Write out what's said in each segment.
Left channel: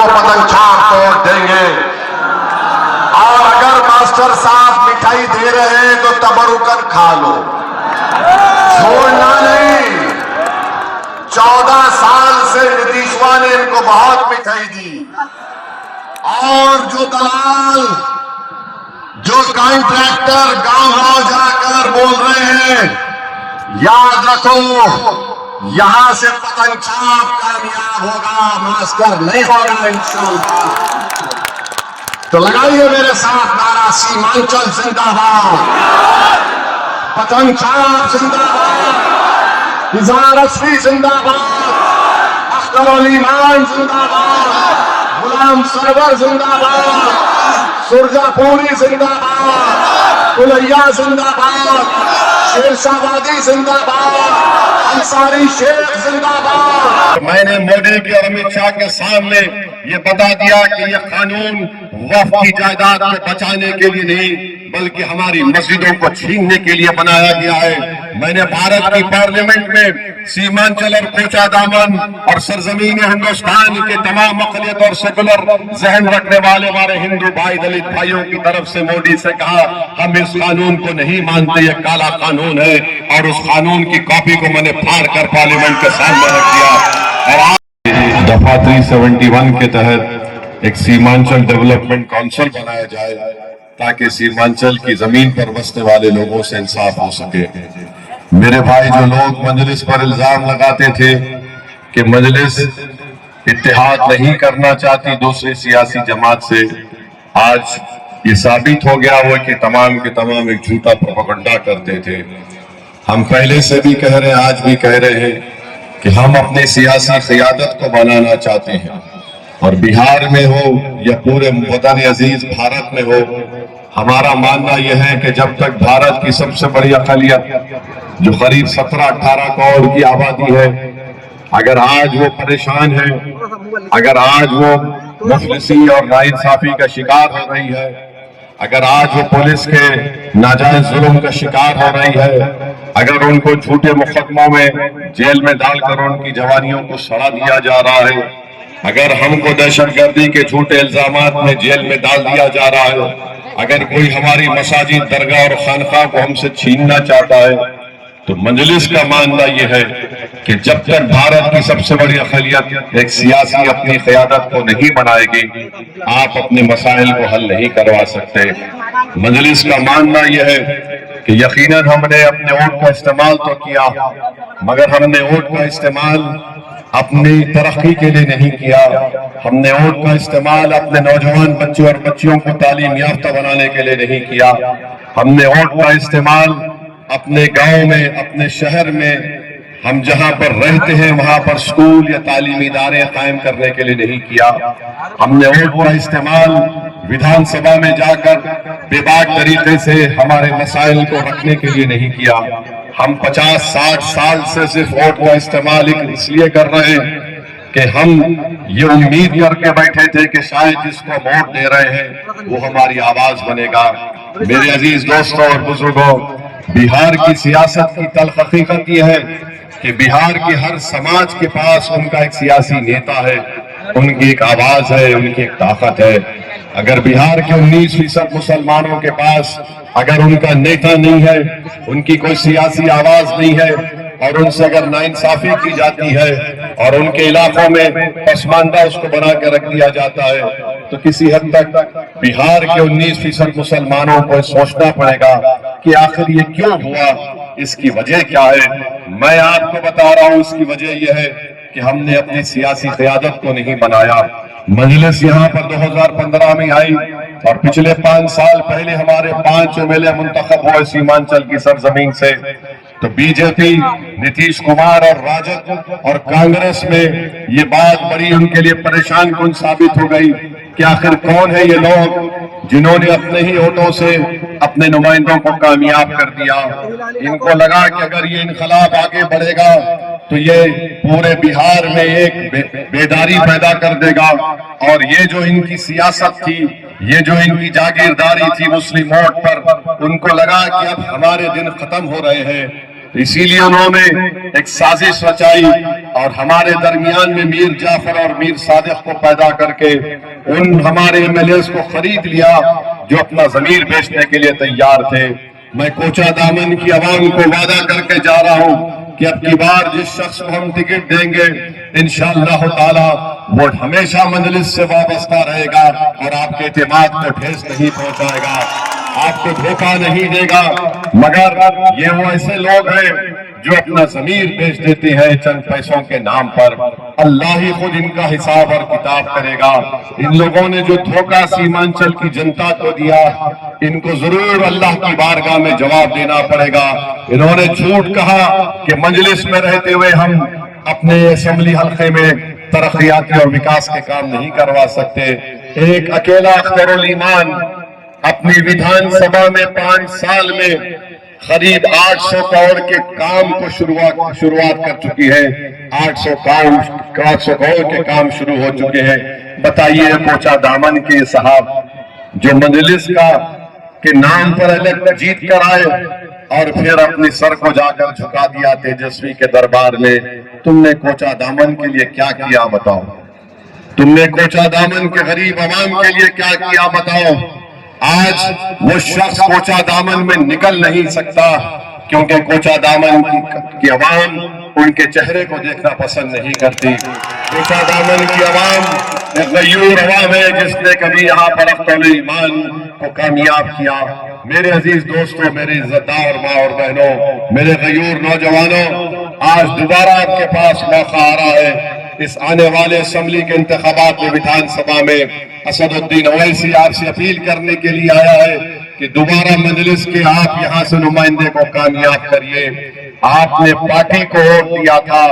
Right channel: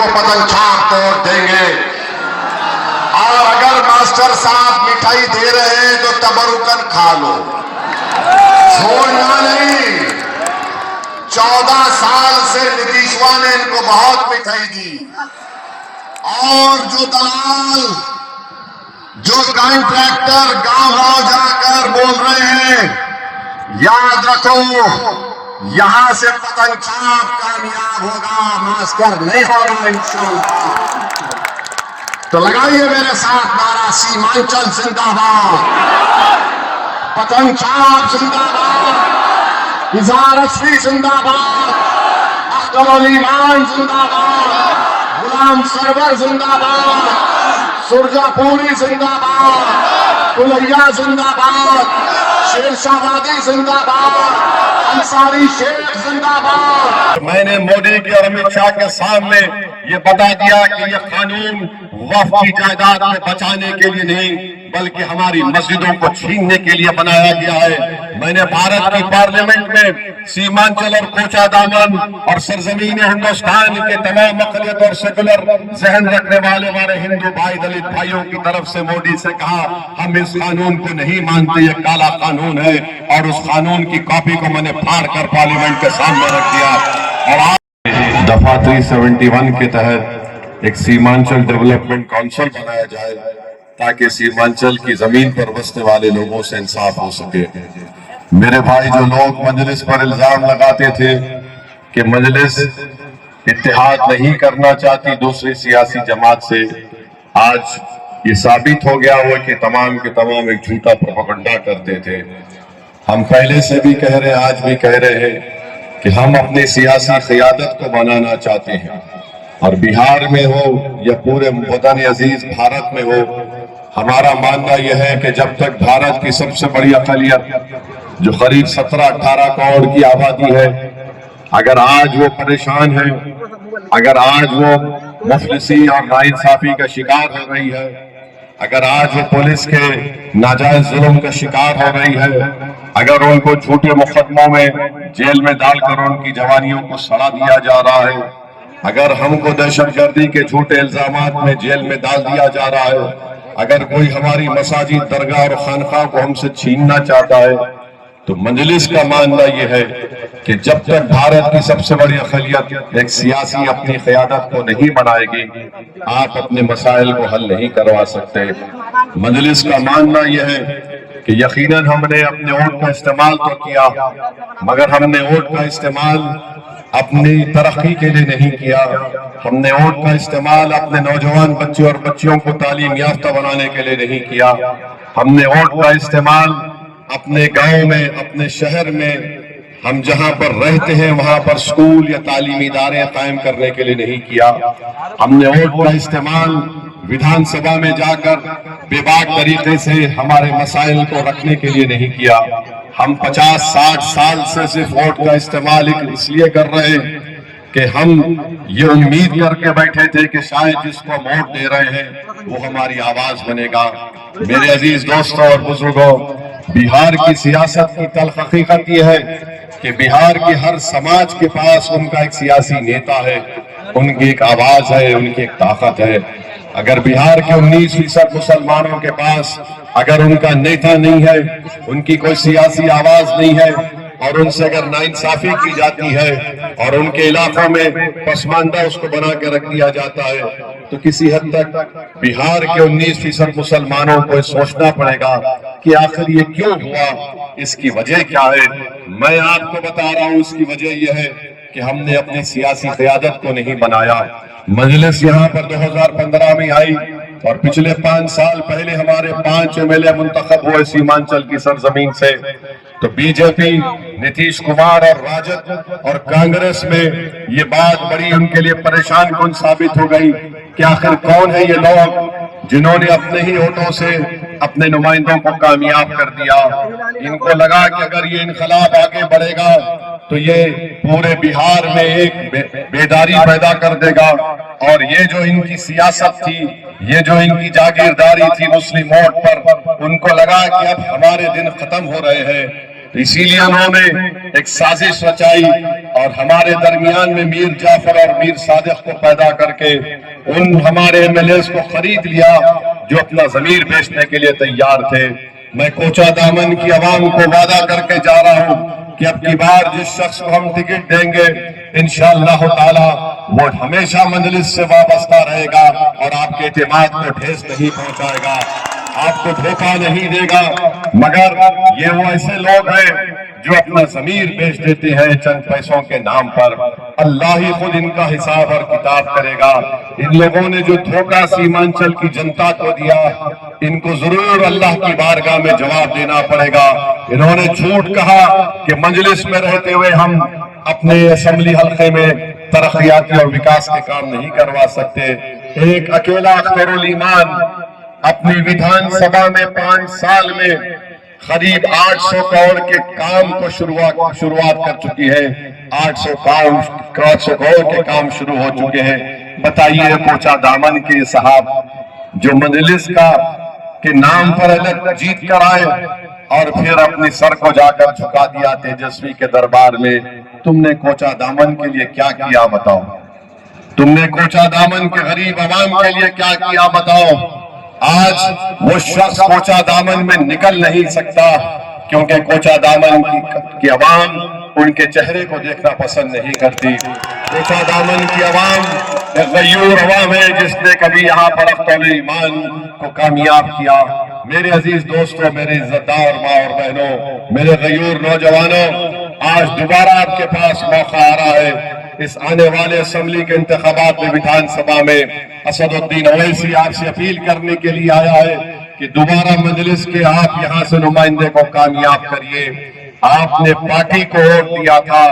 کو پتنگ چھاپ توڑ دیں گے. اور اگر ماسٹر صاحب مٹھائی دے رہے ہیں تو تبرکن کھا لو, چھوڑنا نہیں. 14 سال سے نتیشوا نے ان کو بہت مٹھائی دی, اور جو دلال, جو کانٹریکٹر گاؤں گاؤں جا کر بول رہے ہیں, یاد رکھو یہاں سے پتنگ چھاپ کامیاب ہوگا, ماسٹر نہیں ہوگا انشاءاللہ. تو لگائیے میرے ساتھ نعرہ سیمانچل زندہ باد, پتنگ چھاپ زندہ باد, اظہار اصفی زندہ باد, اختر الایمان زندہ باد, غلام سرور زندہ باد, سرجا پوری زندہ باد, کلیا زندہ باد, شیر شاہ وادی زندہ باد, انصاری شیخ زندہ باد. میں نے مودی کی اور امت شاہ کے سامنے یہ بتا دیا کہ یہ قانون وقف کی جائیداد کو بچانے کے لیے نہیں بلکہ ہماری مسجدوں کو چھیننے کے لیے بنایا گیا ہے. میں نے بھارت کی پارلیمنٹ میں سیمانچل اور کوچا دامن اور سرزمین ہندوستان کے تمام اقلیت اور سیکولر ذہن رکھنے والے ہمارے ہندو بھائی دلت بھائیوں کی طرف سے مودی سے کہا ہم اس قانون کو نہیں مانتے, یہ کالا قانون ہے. اور اس قانون کی کاپی کو میں نے پھاڑ کر پارلیمنٹ کے سامنے رکھ دیا. اور دفعہ 371 کے تحت ایک سیمانچل ڈیولپمنٹ کونسل بنایا جائے تاکہ سیمانچل کی زمین پر بسنے والے لوگوں سے انصاف ہو سکے. میرے بھائی جو لوگ مجلس پر الزام لگاتے تھے کہ مجلس اتحاد نہیں کرنا چاہتی دوسری سیاسی جماعت سے, آج یہ ثابت ہو گیا وہ کہ تمام کے تمام ایک جھوٹا پروپیگنڈا کرتے تھے. ہم پہلے سے بھی کہہ رہے ہیں, آج بھی کہہ رہے ہیں کہ ہم اپنی سیاسی قیادت کو بنانا چاہتے ہیں, اور بہار میں ہو یا پورے وطن عزیز بھارت میں ہو, ہمارا ماننا یہ ہے کہ جب تک بھارت کی سب سے بڑی اقلیت جو قریب 17-18 کروڑ کی آبادی ہے, اگر آج وہ پریشان ہے, اگر آج وہ مفلسی اور ناانصافی کا شکار ہو رہی ہے, اگر آج وہ پولیس کے ناجائز ظلم کا شکار ہو رہی ہے, اگر ان کو جھوٹے مقدموں میں جیل میں ڈال کر ان کی جوانیوں کو سڑا دیا جا رہا ہے, اگر ہم کو دہشت گردی کے جھوٹے الزامات میں جیل میں ڈال دیا جا رہا ہے, اگر کوئی ہماری مساجد, درگاہ اور خانقاہ کو ہم سے چھیننا چاہتا ہے, تو مجلس کا ماننا یہ ہے کہ جب تک بھارت کی سب سے بڑی اقلیت ایک سیاسی اپنی قیادت کو نہیں بنائے گی, آپ اپنے مسائل کو حل نہیں کروا سکتے. مجلس کا ماننا یہ ہے کہ یقیناً ہم نے اپنے ووٹ کا استعمال تو کیا, مگر ہم نے ووٹ کا استعمال اپنی ترقی کے لیے نہیں کیا. ہم نے ووٹ کا استعمال اپنے نوجوان بچوں اور بچیوں کو تعلیم یافتہ بنانے کے لیے نہیں کیا. ہم نے ووٹ کا استعمال اپنے گاؤں میں, اپنے شہر میں, ہم جہاں پر رہتے ہیں وہاں پر اسکول یا تعلیمی ادارے قائم کرنے کے لیے نہیں کیا. ہم نے ووٹ کا استعمال ویدھان سبھا میں جا کر بے باک طریقے سے ہمارے مسائل کو رکھنے کے لیے نہیں کیا. ہم 50-60 سال سے صرف ووٹ کا استعمال اس لیے کر رہے ہیں کہ ہم یہ امید کر کے بیٹھے تھے کہ شاید جس کو ووٹ دے رہے ہیں وہ ہماری آواز بنے گا. میرے عزیز دوستوں اور بزرگوں, بہار کی سیاست کی تلخ حقیقت یہ ہے کہ بہار کے ہر سماج کے پاس ان کا ایک سیاسی نیتا ہے, ان کی ایک آواز ہے, ان کی ایک طاقت ہے. اگر بہار کے 19% مسلمانوں کے پاس اگر ان کا نیتا نہیں ہے, ان کی کوئی سیاسی آواز نہیں ہے, اور ان سے اگر ناانصافی کی جاتی ہے اور ان کے علاقوں میں پسماندہ اس کو بنا کے رکھ دیا جاتا ہے, تو کسی حد تک بہار کے 19% مسلمانوں کو سوچنا پڑے گا کہ آخر یہ کیوں ہوا, اس کی وجہ کیا ہے. میں آپ کو بتا رہا ہوں, اس کی وجہ یہ ہے کہ ہم نے اپنی سیاسی قیادت کو نہیں بنایا. مجلس یہاں پر 2015 میں آئی اور پچھلے 5 سال پہلے ہمارے 5 MLA منتخب ہوئے سیمانچل کی سرزمین سے, تو بی جے پی, نتیش کمار اور راجد اور کانگریس میں یہ بات بڑی ان کے لیے پریشان کن ثابت ہو گئی کہ آخر کون ہے یہ لوگ جنہوں نے اپنے ہی ووٹوں سے اپنے نمائندوں کو کامیاب کر دیا. ان کو لگا کہ اگر یہ انقلاب آگے بڑھے گا تو یہ پورے بہار میں ایک بیداری پیدا کر دے گا, اور یہ جو ان کی سیاست تھی, یہ جو ان کی جاگیرداری تھی مسلم ووٹ پر, ان کو لگا کہ اب ہمارے دن ختم ہو رہے ہیں, اسی لیے انہوں نے ایک سازش رچائی اور ہمارے درمیان میں میر جعفر اور میر صادق کو پیدا کر کے ان ہمارے ایم ایل ایز کو خرید لیا جو اپنا ضمیر بیچنے کے لیے تیار تھے۔ میں کوچہ دامن کی عوام کو وعدہ کر کے جا رہا ہوں کہ اب کی بار جس شخص کو ہم ٹکٹ دیں گے انشاءاللہ تعالی وہ ہمیشہ مجلس سے وابستہ رہے گا اور آپ کے اعتماد کو ٹھیس نہیں پہنچائے گا، آپ کو دھوکہ نہیں دے گا۔ مگر یہ وہ ایسے لوگ ہیں جو اپنا ضمیر بیچ دیتے ہیں چند پیسوں کے نام پر، اللہ ہی خود ان کا حساب اور کتاب کرے گا۔ ان لوگوں نے جو دھوکہ سیمانچل کی جنتا کو دیا ان کو ضرور اللہ کی بارگاہ میں جواب دینا پڑے گا۔ انہوں نے جھوٹ کہا کہ مجلس میں رہتے ہوئے ہم اپنے اسمبلی حلقے میں ترقیاتی اور وکاس کے کام نہیں کروا سکتے۔ ایک اکیلا اخترالایمان اپنی ویدھان سبھا میں 5 سال میں قریب 800 کروڑ کے کام کو شروعات کر چکی ہے۔ 800 کروڑ کے کام شروع ہو چکے ہیں۔ بتائیے کوچہ دامن کے صاحب جو مجلس کے نام پر الیکٹ جیت کر آئے اور پھر اپنی سر کو جا کر جھکا دیا تیجسوی کے دربار میں، تم نے کوچہ دامن کے لیے کیا کیا بتاؤ؟ تم نے کوچہ دامن کے غریب عوام کے لیے کیا کیا بتاؤ؟ آج وہ شخص کوچہ دامن میں نکل نہیں سکتا کیونکہ کوچہ دامن کی عوام ان کے چہرے کو دیکھنا پسند نہیں کرتی۔ کوچہ دامن کی عوام ایک غیور عوام ہے جس نے کبھی یہاں پر اخترالایمان کو کامیاب کیا۔ میرے عزیز دوستوں، میرے عزتدار ماں اور بہنوں، میرے غیور نوجوانوں، آج دوبارہ آپ کے پاس موقع آ رہا ہے۔ اس آنے والے اسمبلی کے انتخابات میں ویدھان سبھا میں اسد الدین اویسی آپ سے اپیل کرنے کے لیے آیا ہے کہ دوبارہ مجلس کے آپ یہاں سے نمائندے کو کامیاب کریے۔ آپ نے پارٹی کو ووٹ دیا تھا،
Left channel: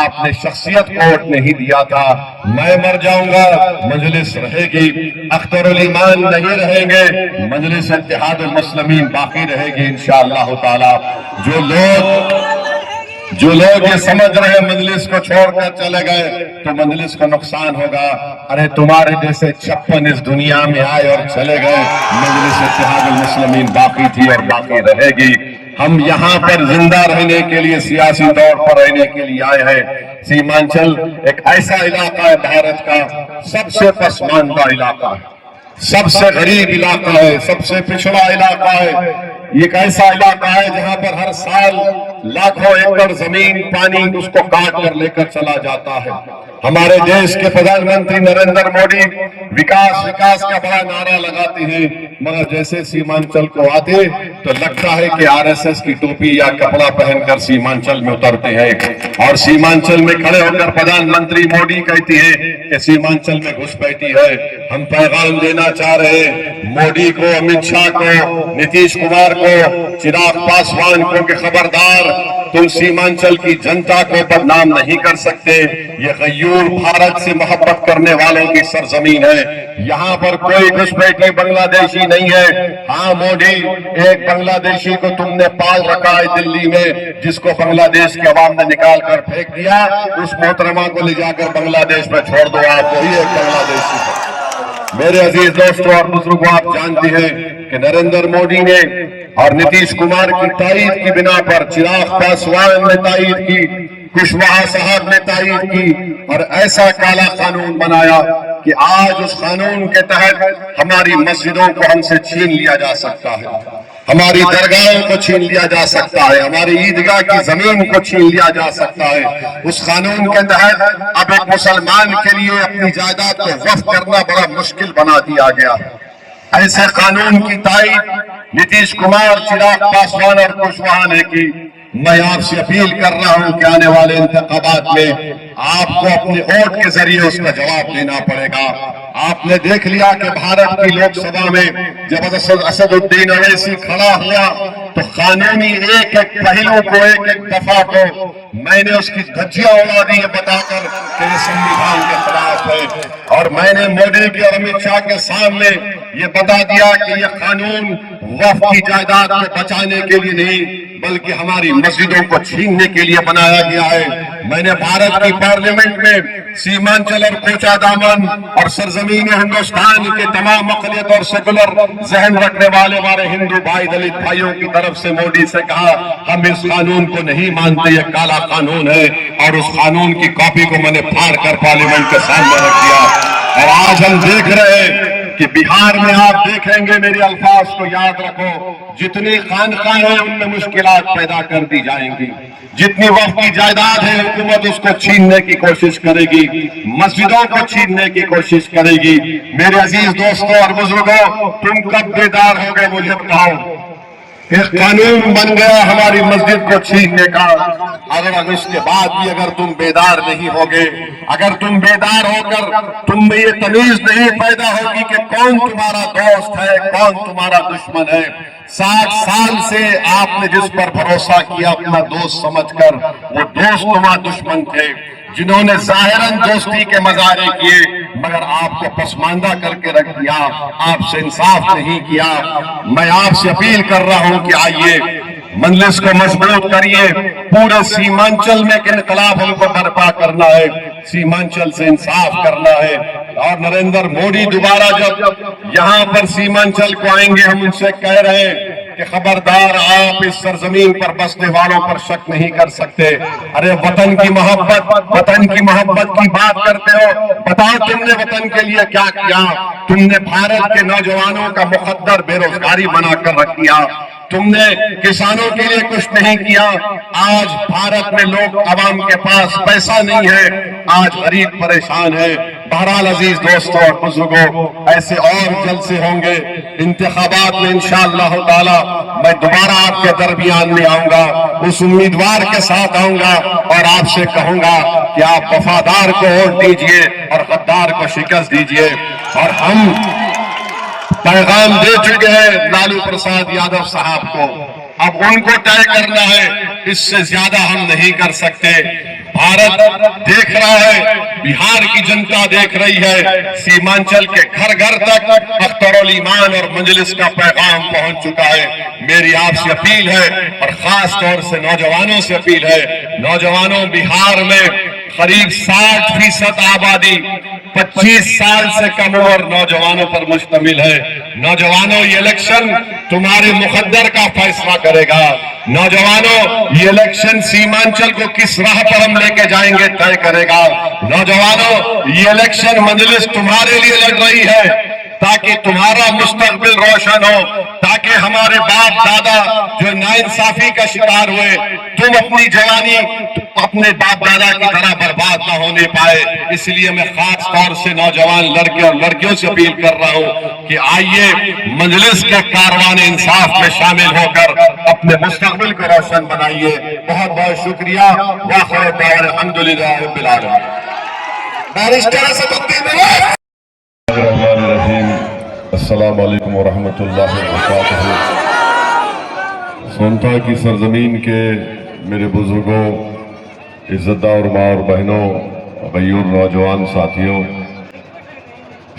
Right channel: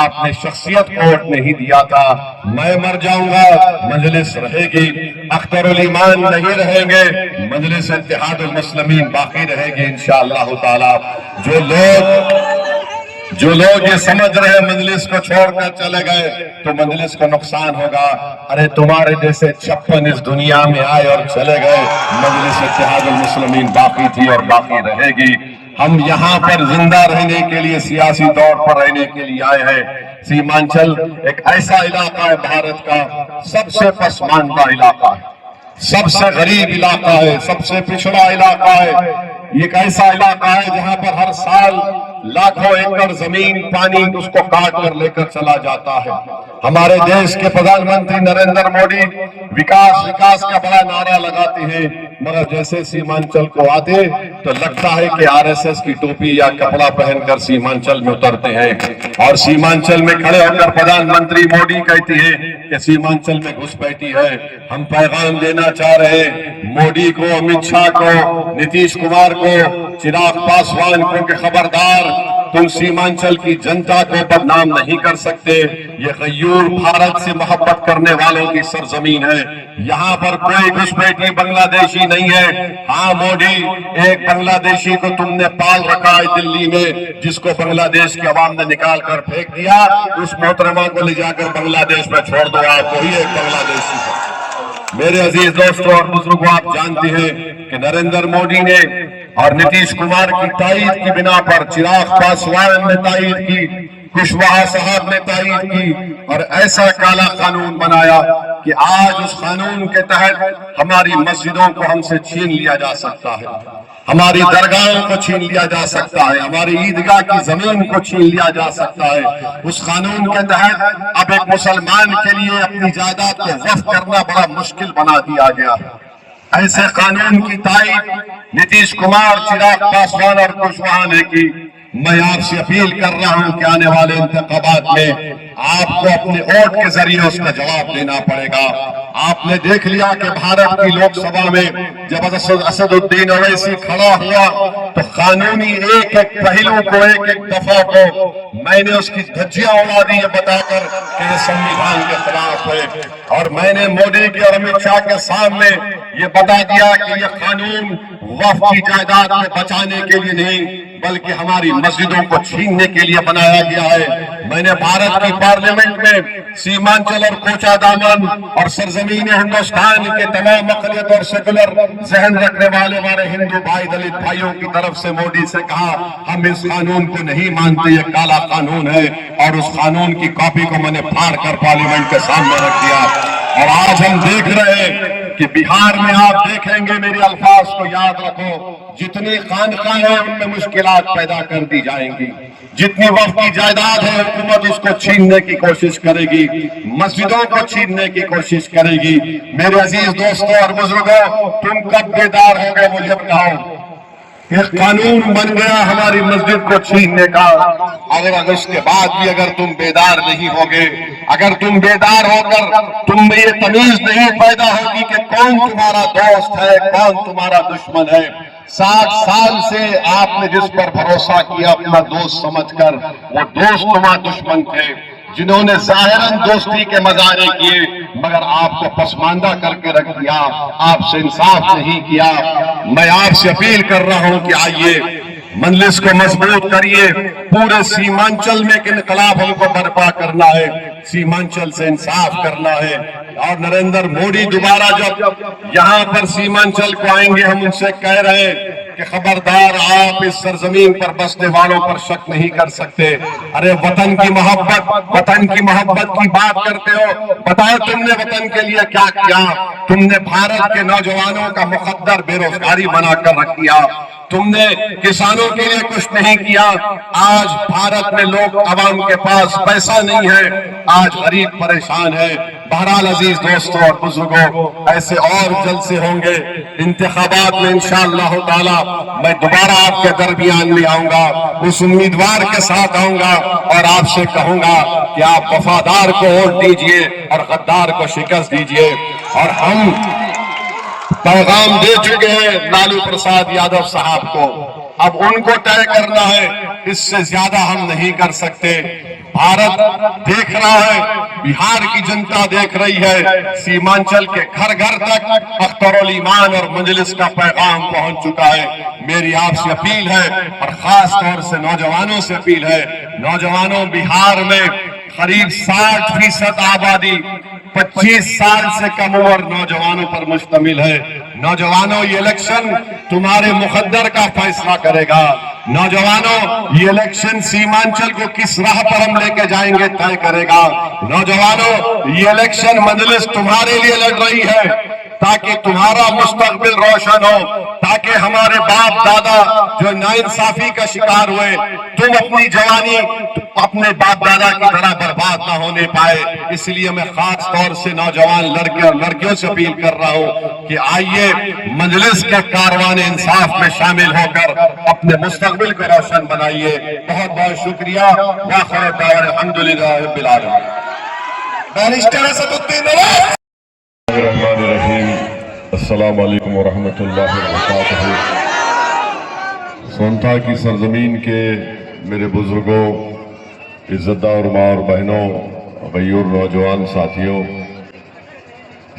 آپ نے شخصیت کو ووٹ نہیں دیا تھا۔ میں مر جاؤں گا، مجلس رہے گی، اخترالایمان نہیں رہیں گے، مجلس اتحاد المسلمین باقی رہے گی انشاءاللہ تعالی۔ جو لوگ یہ سمجھ رہے مجلس کو چھوڑ کر چلے گئے تو مجلس کو نقصان ہوگا، ارے تمہارے جیسے 56 اس دنیا میں آئے اور چلے گئے، مجلس اتحاد المسلمین باقی تھی اور باقی رہے گی۔ ہم یہاں پر زندہ رہنے کے لیے، سیاسی طور پر رہنے کے لیے آئے ہیں۔ سیمانچل ایک ایسا علاقہ ہے بھارت کا سب سے پسماندہ علاقہ ہے، سب سے غریب علاقہ ہے، سب سے پچھڑا علاقہ ہے۔ یہ ایک ایسا علاقہ ہے جہاں پر ہر سال لاکھوں ایکڑ زمین پانی اس کو کاٹ کر لے کر چلا جاتا ہے۔ ہمارے دیش کے پردھان منتری نریندر مودی وکاس کا بڑا نعرہ لگاتے ہیں، مگر جیسے سیمانچل کو آتے تو لگتا ہے کہ RSS کی ٹوپی یا کپڑا پہن کر سیمانچل میں اترتے ہیں اور سیمانچل میں کھڑے ہو کر پردھان منتری مودی کہتی ہے کہ سیمانچل میں گھس بیٹھی ہے۔ ہم پیغام دینا چاہ رہے ہیں مودی کو، امت شاہ کو، نتیش کمار کو، چراغ پاسوان کو کہ خبردار، تم سیمانچل کی جنتا کو بدنام نہیں کر سکتے۔ یہ غیور بھارت سے محبت کرنے والوں کی سرزمین ہے، یہاں پر کوئی گھسپیٹی بنگلہ دیشی نہیں ہے۔ ہاں مودی، ایک بنگلہ دیشی کو تم نے پال رکھا ہے دلی میں، جس کو بنگلہ دیش کے عوام نے نکال کر پھینک دیا، اس محترمہ کو لے جا کر بنگلہ دیش میں چھوڑ دو، آپ وہی ایک بنگلہ دیشی ہے۔ میرے عزیز دوستوں اور بزرگوں، آپ جانتے ہیں کہ نریندر مودی نے اور نتیش کمار کی تائید کی بنا پر، چراغ پاسوان نے تائید کی، کشواہا صاحب نے تائید کی اور ایسا کالا قانون بنایا کہ آج اس قانون کے تحت ہماری مسجدوں کو ہم سے چھین لیا جا سکتا ہے، ہماری درگاہوں کو چھین لیا جا سکتا ہے، ہماری عیدگاہ کی زمین کو چھین لیا جا سکتا ہے۔ اس قانون کے تحت اب ایک مسلمان کے لیے اپنی جائیداد کو وقف کرنا بڑا مشکل بنا دیا گیا۔ ایسے قانون کی تائید نتیش کمار، چراغ پاسوان اور کشواہا نے کی۔ میں آپ سے اپیل کر رہا ہوں کہ آنے والے انتخابات میں آپ کو اپنے ووٹ کے ذریعے اس کا جواب دینا پڑے گا۔ آپ نے دیکھ لیا کہ بھارت کی لوک سبھا میں جب اسد الدین اویسی کھڑا ہوا تو قانونی ایک ایک پہلو کو، ایک ایک دفعہ کو میں نے اس کی دھجیاں اڑا دی یہ بتا کر کہ یہ سنویدھان کے خلاف ہے، اور میں نے مودی کے اور امت شاہ کے سامنے یہ بتا دیا کہ یہ قانون وقف کی جائیداد کو بچانے کے لیے نہیں بلکہ ہماری مسجدوں کو چھیننے کے لیے بنایا گیا ہے۔ میں نے بھارت کی پارلیمنٹ میں سیمانچل اور کوچا دامن اور سرزمین ہندوستان کے تمام اقلیت اور سیکولر ذہن رکھنے والے ہمارے ہندو بھائی دلت بھائیوں کی طرف سے مودی سے کہا ہم اس قانون کو نہیں مانتے، یہ کالا قانون ہے، اور اس قانون کی کاپی کو میں نے پھاڑ کر پارلیمنٹ کے سامنے رکھ دیا۔ اور آج ہم دیکھ رہے ہیں کہ بہار میں آپ دیکھیں گے، میرے الفاظ کو یاد رکھو، جتنی خانقاہ ہیں ان میں مشکلات پیدا کر دی جائیں گی، جتنی وقت کی جائیداد ہے حکومت اس کو چھیننے کی کوشش کرے گی، مسجدوں کو چھیننے کی کوشش کرے گی۔ میرے عزیز دوستوں اور بزرگوں، تم کب بیدار ہو گئے مجھے بتاؤ؟ ایک قانون بن گیا ہماری مسجد کو چھیننے کا، اگر اس کے بعد بھی اگر تم بیدار نہیں ہوگے، اگر تم بیدار ہو کر تم میں یہ تمیز نہیں پیدا ہوگی کہ کون تمہارا دوست ہے کون تمہارا دشمن ہے۔ 60 سال سے آپ نے جس پر بھروسہ کیا اپنا دوست سمجھ کر، وہ دوست تمہارا دشمن تھے، جنہوں نے ظاہراً دوستی کے مظاہرے کیے مگر آپ کو پسماندہ کر کے رکھ دیا، آپ سے انصاف نہیں کیا۔ میں آپ سے اپیل کر رہا ہوں کہ آئیے مجلس کو مضبوط کریے، پورے سیمانچل میں ایک انقلاب ہم کو برپا کرنا ہے، سیمانچل سے انصاف کرنا ہے۔ اور نریندر مودی دوبارہ جب یہاں پر سیمانچل کو آئیں گے، ہم ان سے کہہ رہے ہیں کہ خبردار آپ اس سرزمین پر بسنے والوں پر شک نہیں کر سکتے۔ ارے وطن کی محبت کی بات کرتے ہو، بتاؤ تم نے وطن کے لیے کیا کیا؟ تم نے بھارت کے نوجوانوں کا مقدر بے روزگاری بنا کر رکھ دیا، تم نے کسانوں کے لیے کچھ نہیں کیا۔ آج بھارت میں لوگ عوام کے پاس پیسہ نہیں ہے، آج غریب پریشان ہے۔ بہرحال عزیز دوستوں اور بزرگوں، ایسے اور جلسے ہوں گے انتخابات میں انشاءاللہ تعالی۔ میں دوبارہ آپ کے درمیان میں آؤں گا، اس امیدوار کے ساتھ آؤں گا اور آپ سے کہوں گا کہ آپ وفادار کو ووٹ دیجئے اور غدار کو شکست دیجئے۔ اور ہم پیغام دے چکے ہیں لالو پرساد یادو صاحب کو، اب ان کو طے کرنا ہے، اس سے زیادہ ہم نہیں کر سکتے۔ بھارت دیکھ رہا ہے، بہار کی جنتا دیکھ رہی ہے، سیمانچل کے گھر گھر تک اخترالایمان اور مجلس کا پیغام پہنچ چکا ہے۔ میری آپ سے اپیل ہے اور خاص طور سے نوجوانوں سے اپیل ہے، نوجوانوں بہار میں قریب 60% آبادی 25 سال سے کم عمر نوجوانوں پر مشتمل ہے۔ نوجوانوں، یہ الیکشن تمہارے مقدر کا فیصلہ کرے گا۔ نوجوانوں، یہ الیکشن سیمانچل کو کس راہ پر ہم لے کے جائیں گے طے کرے گا۔ نوجوانوں، یہ الیکشن مجلس تمہارے لیے لڑ رہی ہے تاکہ تمہارا مستقبل روشن ہو، تاکہ ہمارے باپ دادا جو ناانصافی کا شکار ہوئے، تم اپنی جوانی اپنے باپ دادا کی طرح برباد نہ ہونے پائے۔ اس لیے میں خاص طور سے نوجوان لڑکے اور لڑکیوں سے اپیل کر رہا ہوں کہ آئیے مجلس کا کاروان انصاف میں شامل ہو کر اپنے مستقبل کو روشن بنائیے۔ بہت بہت شکریہ۔ وآخر دعوانا الحمدللہ رب العالمین۔ بیرسٹر اسد الدین اویس۔ الرحمن الرحیم۔ السلام علیکم ورحمۃ اللہ وبرکاتہ۔ سونتا کی سرزمین کے میرے بزرگوں، عزت دار ماں اور بہنوں، غیور نوجوان ساتھیوں،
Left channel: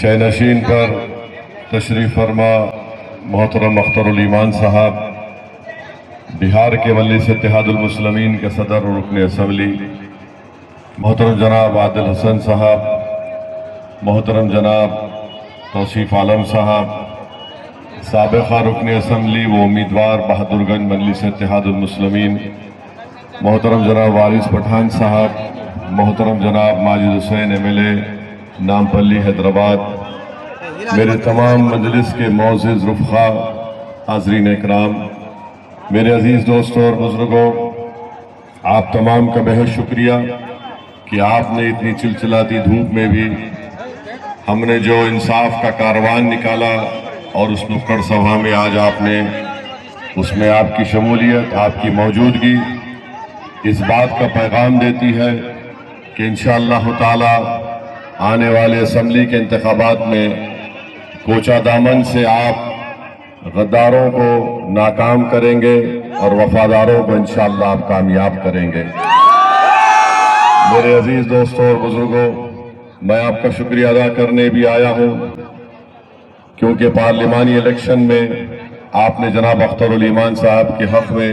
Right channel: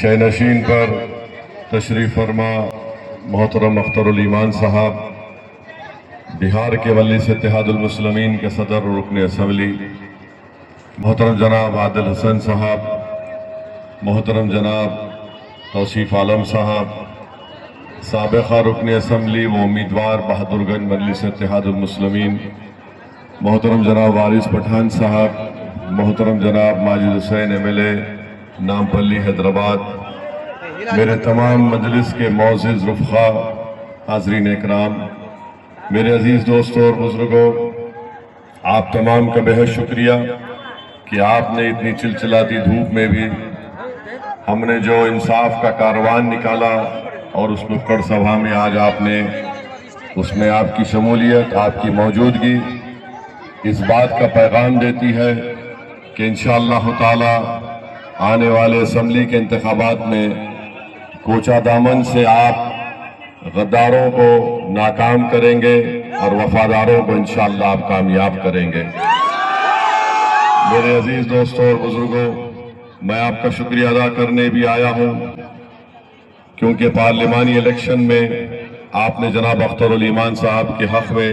شہ نشین پر تشریف فرما محترم اخترالایمان صاحب، بہار کے مجلس اتحاد المسلمین کے صدر اور رکن اسمبلی محترم جناب عادل حسن صاحب، محترم جناب توصیف عالم صاحب، سابقہ رکن اسمبلی و امیدوار بہادر گنج مجلس اتحاد المسلمین محترم جناب وارث پٹھان صاحب، محترم جناب ماجد حسین MLA نامپلی حیدرآباد، میرے تمام مجلس کے معزز رفقا، حاضرین اکرام، میرے عزیز دوستوں اور بزرگوں، آپ تمام کا بہت شکریہ کہ آپ نے اتنی چلچلاتی دھوپ میں بھی ہم نے جو انصاف کا کاروان نکالا اور اس نکڑ سبھا میں آج آپ نے اس میں آپ کی شمولیت، آپ کی موجودگی اس بات کا پیغام دیتی ہے کہ انشاءاللہ تعالی آنے والے اسمبلی کے انتخابات میں کوچا دامن سے آپ غداروں کو ناکام کریں گے اور وفاداروں کو انشاءاللہ آپ کامیاب کریں گے۔ میرے عزیز دوستوں اور بزرگوں، میں آپ کا شکریہ ادا کرنے بھی آیا ہوں کیونکہ پارلیمانی الیکشن میں آپ نے جناب اخترالایمان صاحب کے حق میں